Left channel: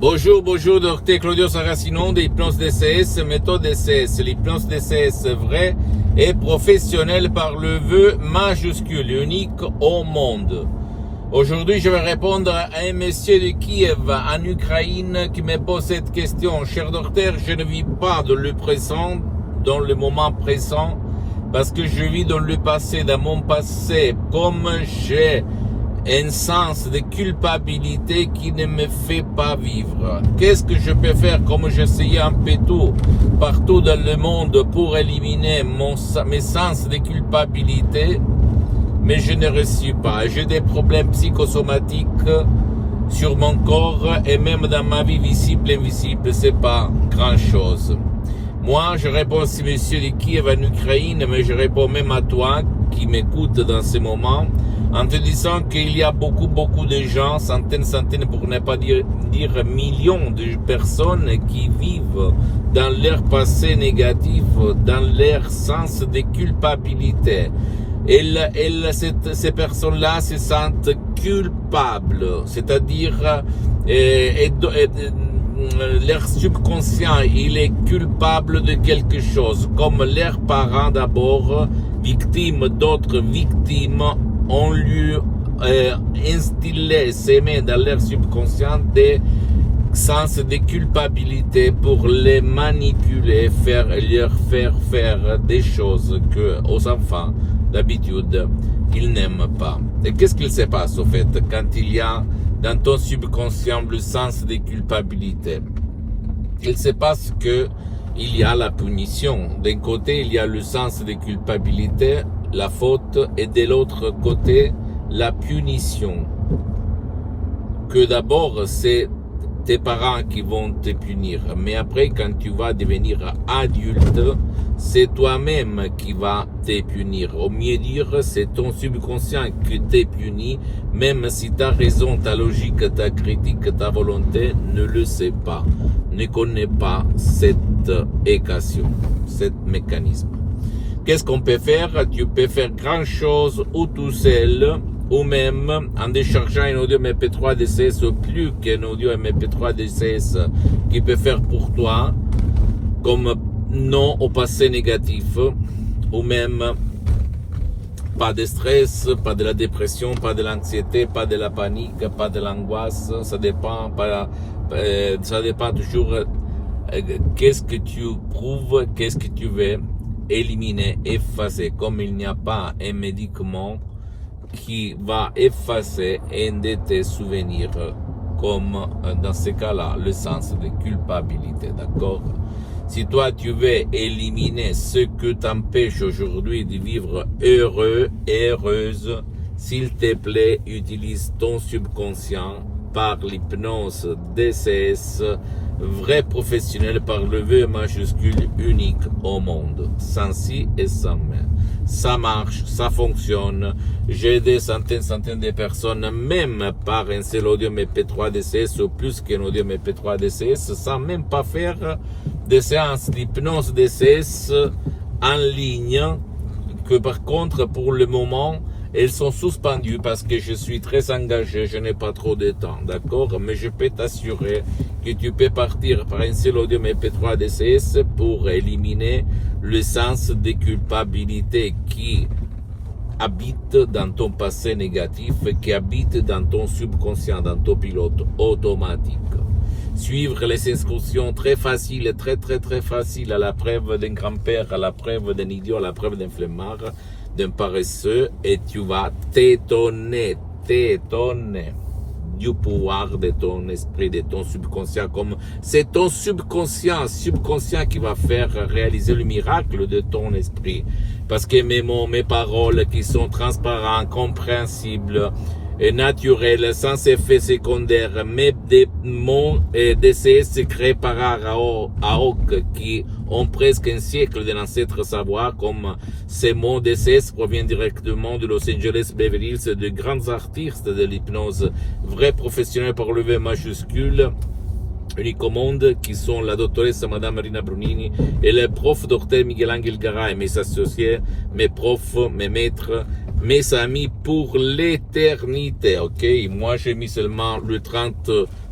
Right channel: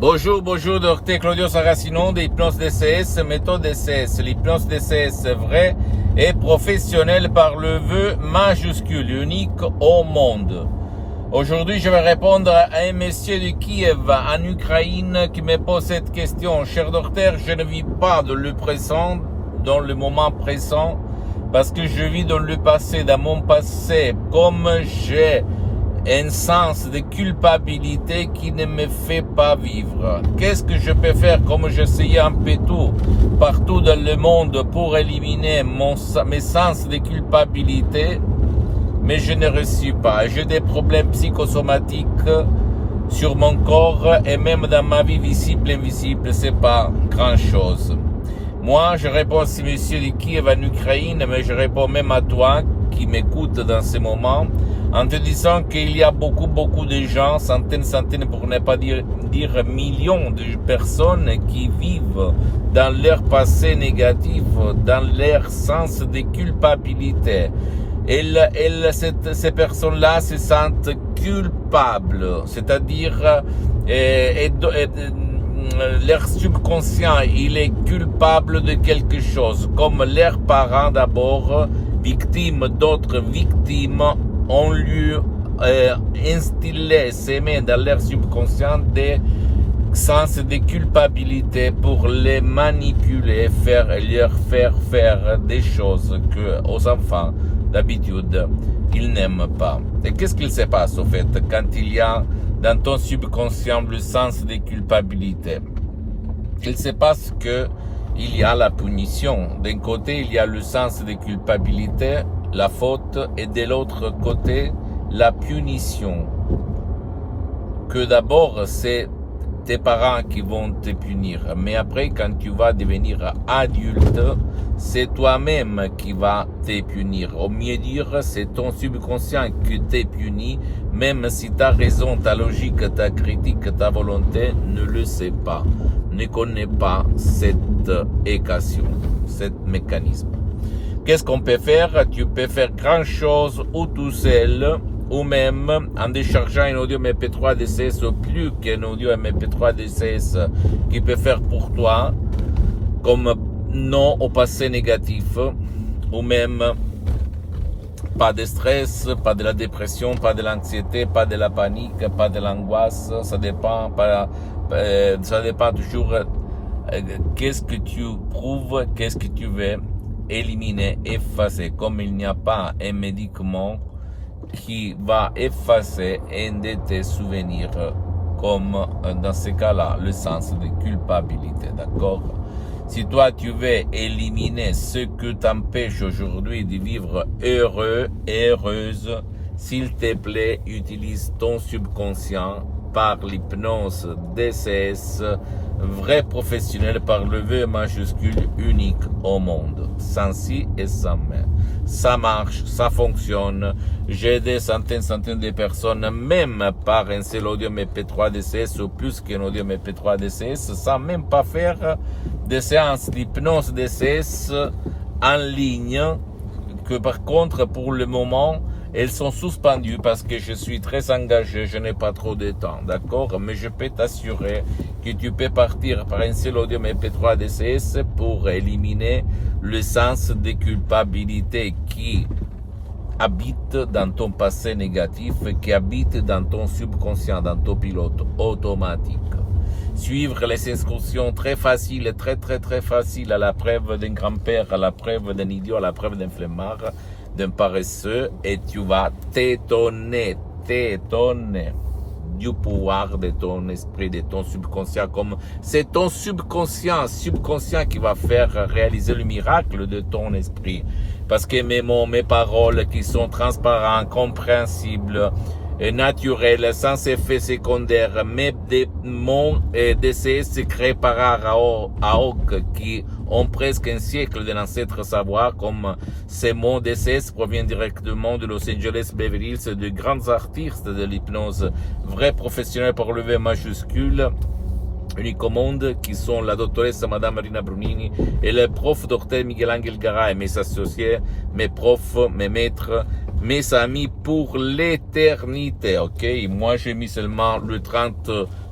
Bonjour, docteur Claudio Saracino de l'hypnose DCS, méthode DCS. L'hypnose DCS vraie et professionnelle par le vœu majuscule, unique au monde. Aujourd'hui, je vais répondre à un monsieur de Kiev, en Ukraine, qui me pose cette question. Cher docteur, je ne vis pas dans le présent, dans le moment présent, parce que je vis dans le passé, dans mon passé, comme j'ai un sens de culpabilité qui ne me fait pas vivre. Qu'est-ce que je peux faire comme j'essayais un peu tout, partout dans le monde pour éliminer mes sens de culpabilité, mais je ne réussis pas. J'ai des problèmes psychosomatiques sur mon corps et même dans ma vie visible et invisible, c'est pas grand chose. Moi, je réponds à ce monsieur de Kiev en Ukraine, mais je réponds même à toi qui m'écoute dans ce moment, en te disant qu'il y a beaucoup de gens, centaines, pour ne pas dire millions de personnes qui vivent dans leur passé négatif, dans leur sens de culpabilité. Ces personnes-là se sentent culpables, c'est-à-dire leur subconscient, il est culpable de quelque chose, comme leurs parents d'abord, victimes d'autres victimes, ont lui instillé, s'aimer dans leur subconscient des sens de culpabilité pour les manipuler, leur faire des choses que aux enfants, d'habitude, ils n'aiment pas. Et qu'est-ce qu'il se passe au fait quand il y a dans ton subconscient le sens de culpabilité? Il se passe que il y a la punition. D'un côté, il y a le sens de culpabilité, la faute, et de l'autre côté, la punition. Que d'abord, c'est tes parents qui vont te punir. Mais après, quand tu vas devenir adulte, c'est toi-même qui va te punir. Au mieux dire, c'est ton subconscient qui te punit, même si ta raison, ta logique, ta critique, ta volonté ne le sait pas, ne connaît pas cette équation, cet mécanisme. Qu'est-ce qu'on peut faire? Tu peux faire grand chose ou tout seul, ou même en déchargeant un audio MP3 DCS ou plus qu'un audio MP3 DCS qui peut faire pour toi, comme non au passé négatif, ou même pas de stress, pas de la dépression, pas de l'anxiété, pas de la panique, pas de l'angoisse, ça dépend toujours qu'est-ce que tu prouves, qu'est-ce que tu veux éliminer, effacer, comme il n'y a pas un médicament qui va effacer un de tes souvenirs, comme dans ce cas-là, le sens de culpabilité, d'accord? Si toi tu veux éliminer ce que t'empêche aujourd'hui de vivre heureux et heureuse, s'il te plaît, utilise ton subconscient par l'hypnose DCS, vrai professionnel par le vœu majuscule unique au monde, sans si et sans mais. Ça marche, ça fonctionne. J'ai des centaines de personnes, même par un seul audio MP3 DCS ou plus qu'un audio MP3 DCS, sans même pas faire des séances d'hypnose DCS en ligne, que par contre, pour le moment, elles sont suspendues parce que je suis très engagé, je n'ai pas trop de temps, d'accord? Mais je peux t'assurer que tu peux partir par un seul audio MP3 DCS pour éliminer le sens de culpabilité qui habite dans ton passé négatif, qui habite dans ton subconscient, dans ton pilote automatique. Suivre les instructions très faciles, très faciles, à la preuve d'un grand-père, à la preuve d'un idiot, à la preuve d'un flemmard, d'un paresseux, et tu vas t'étonner du pouvoir de ton esprit, de ton subconscient, comme c'est ton subconscient qui va faire réaliser le miracle de ton esprit. Parce que mes mots, mes paroles qui sont transparents, compréhensibles, et naturels, sans effet secondaire, mais des mots DCS créés par Aok qui ont presque un siècle de l'ancêtre savoir, comme ces mots DCS proviennent directement de Los Angeles, Beverly Hills, de grands artistes de l'hypnose, vrais professionnels par le V majuscule, unique au monde, qui sont la doctoresse Madame Marina Brunini et le prof docteur Miguel Angel Garay, mes associés, mes profs, mes maîtres, mes amis pour l'éternité, ok? Moi, j'ai mis seulement le 30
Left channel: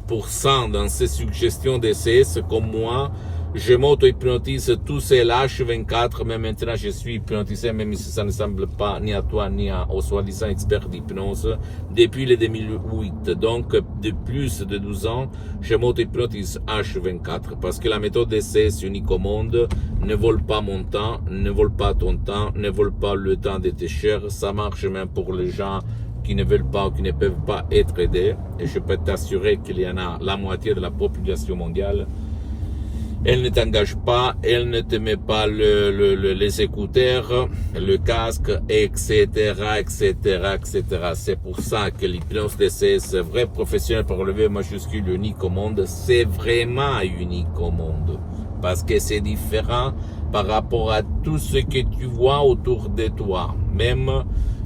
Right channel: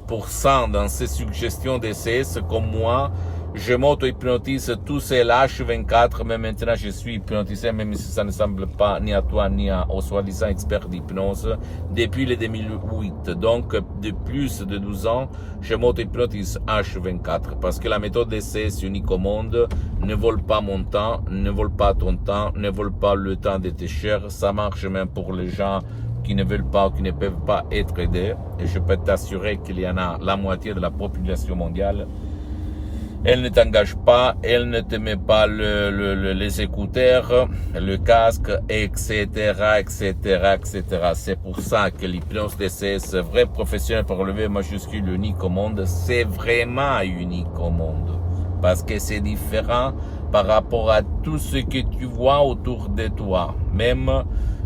90% dans ces suggestions DCS comme moi. Je m'auto-hypnotise tout seul H24, mais maintenant je suis hypnotisé, même si ça ne semble pas ni à toi ni aux soi-disant experts d'hypnose, depuis le 2008. Donc, de plus de 12 ans, je m'auto-hypnotise H24, parce que la méthode DCS unique au monde ne vole pas mon temps, ne vole pas ton temps, ne vole pas le temps de tes chers. Ça marche même pour les gens qui ne veulent pas ou qui ne peuvent pas être aidés. Et je peux t'assurer qu'il y en a la moitié de la population mondiale. Elle ne t'engage pas, elle ne te met pas les écouteurs, le casque, etc., etc., etc. C'est pour ça que l'hypnose DCS, vrai professionnel par le V majuscule unique au monde, c'est vraiment unique au monde. Parce que c'est différent par rapport à tout ce que tu vois autour de toi. Même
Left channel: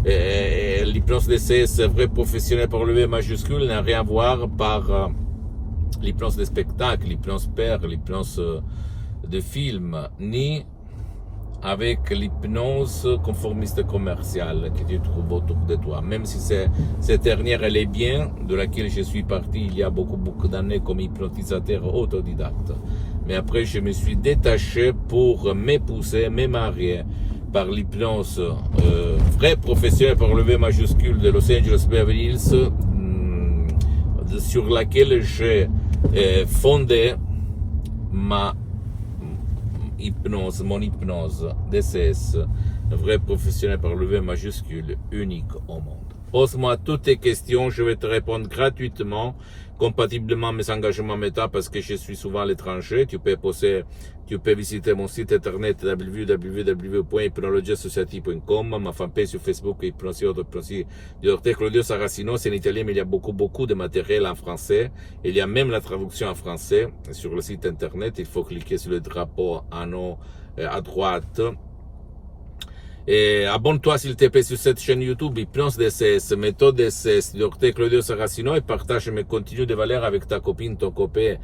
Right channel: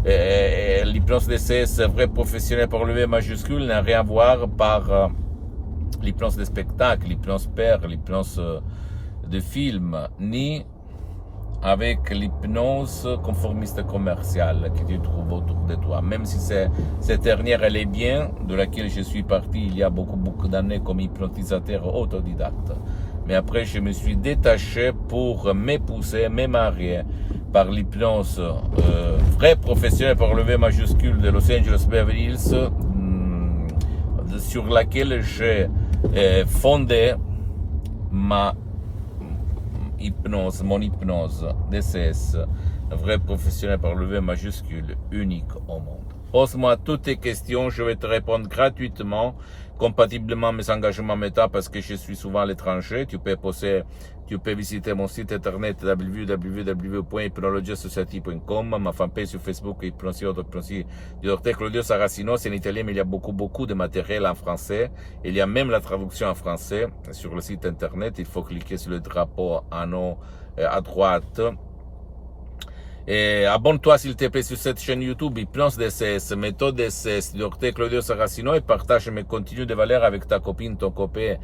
l'hypnose DCS, vrai professionnel par le V majuscule, n'a rien à voir par l'hypnose de spectacle, l'hypnose père, l'hypnose de film, ni avec l'hypnose conformiste commerciale que tu trouves autour de toi. Même si cette dernière, elle est bien, de laquelle je suis parti il y a beaucoup d'années comme hypnotisateur autodidacte. Mais après, je me suis détaché pour m'épouser, me marier par l'hypnose vrai professionnel par le V majuscule de Los Angeles Beverly Hills, sur laquelle j'ai fondé mon hypnose DCS, vrai professionnel par le V majuscule, unique au monde. Pose-moi toutes tes questions, je vais te répondre gratuitement, compatiblement à mes engagements méta, parce que je suis souvent à l'étranger. Tu peux visiter mon site internet www.hypnologiasociety.com, ma fanpage sur Facebook, Hypnosie du Dr Claudio Saracino. C'est en italien, mais il y a beaucoup de matériel en français. Il y a même la traduction en français sur le site internet. Il faut cliquer sur le drapeau en haut à droite. Et abonne-toi s'il te plaît sur cette chaîne YouTube Hypnose DCS, méthode DCS, Dr Claudio Saracino, et partage mes contenus de valeur avec ta copine, ton copain,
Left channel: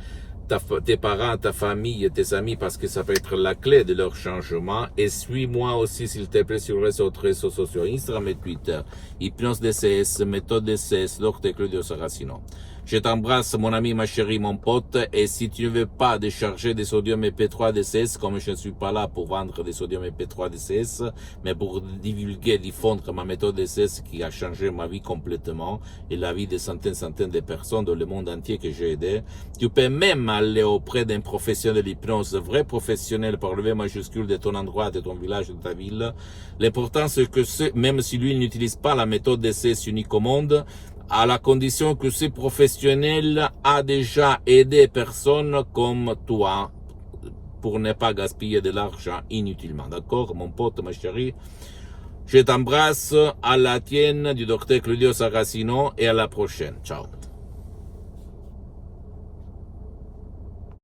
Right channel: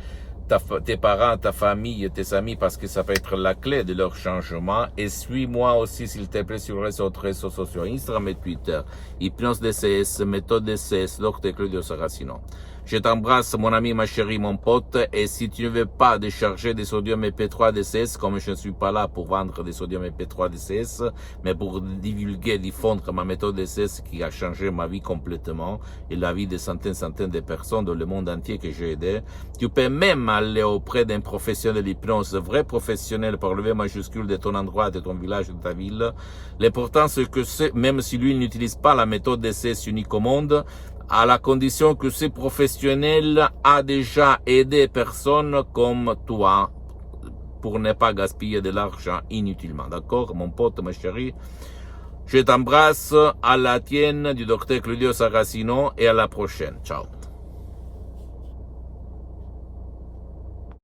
tes parents, ta famille, tes amis, parce que ça peut être la clé de leur changement. Et suis-moi aussi s'il te plaît sur les autres réseaux sociaux, Instagram et Twitter, Hypnose DCS, méthode DCS, Dr Claudio Saracino. Je t'embrasse, mon ami, ma chérie, mon pote, et si tu ne veux pas décharger des sodium MP3 DCS, comme je ne suis pas là pour vendre des sodium MP3 DCS, mais pour divulguer, diffondre ma méthode DCS qui a changé ma vie complètement et la vie de centaines de personnes dans le monde entier que j'ai aidé, tu peux même aller auprès d'un professionnel d'hypnose, vrai professionnel par le V majuscule de ton endroit, de ton village, de ta ville. L'important, c'est que même si lui n'utilise pas la méthode DCS unique au monde, à la condition que ce professionnel a déjà aidé personne comme toi pour ne pas gaspiller de l'argent inutilement. D'accord, mon pote, ma chérie? Je t'embrasse, à la tienne du Dr Claudio Saracino, et à la prochaine. Ciao.